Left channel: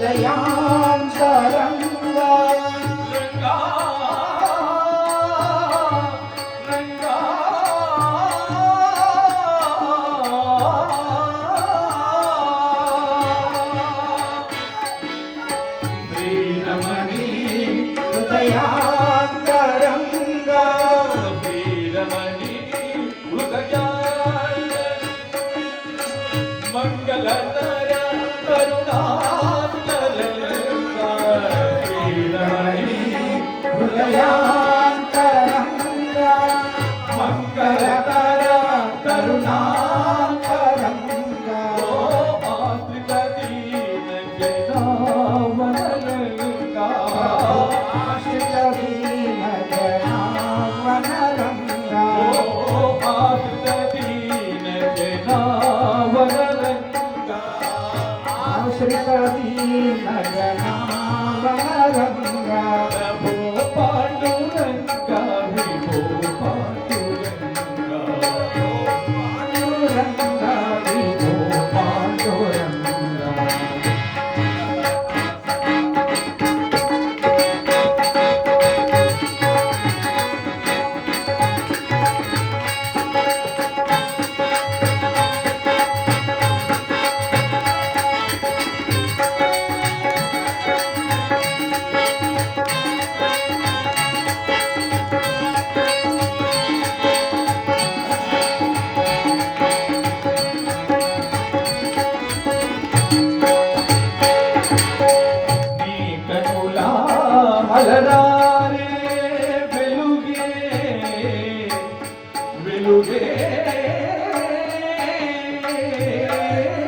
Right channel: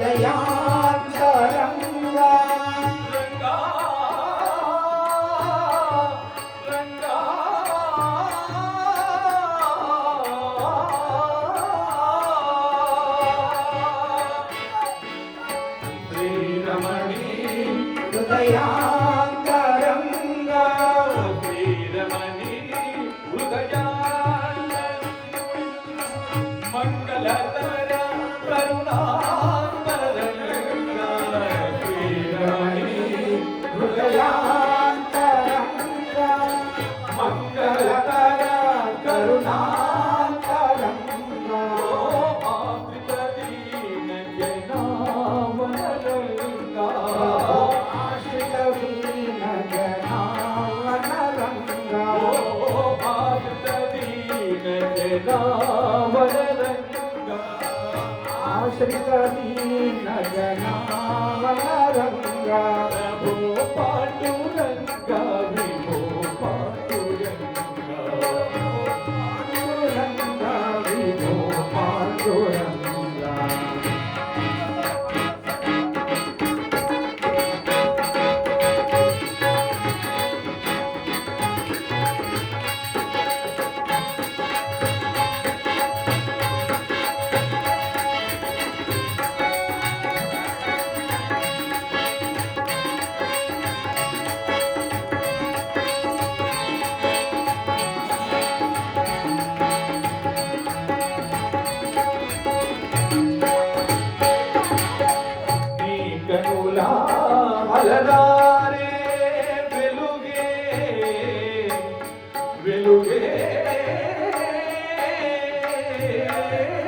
Daya Gracias. Deus.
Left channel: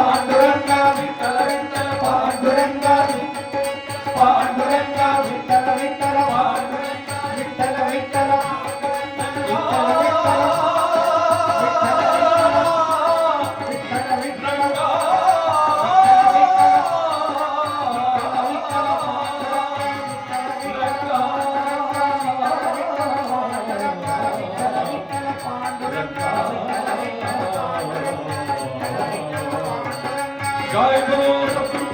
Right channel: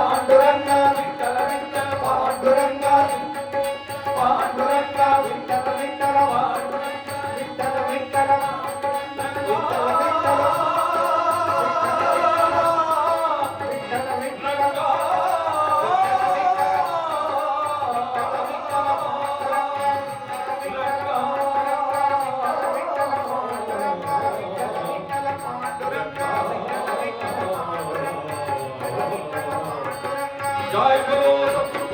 Panduranga Vittala Vittala Panduranga Vittala Vittala Joy Guru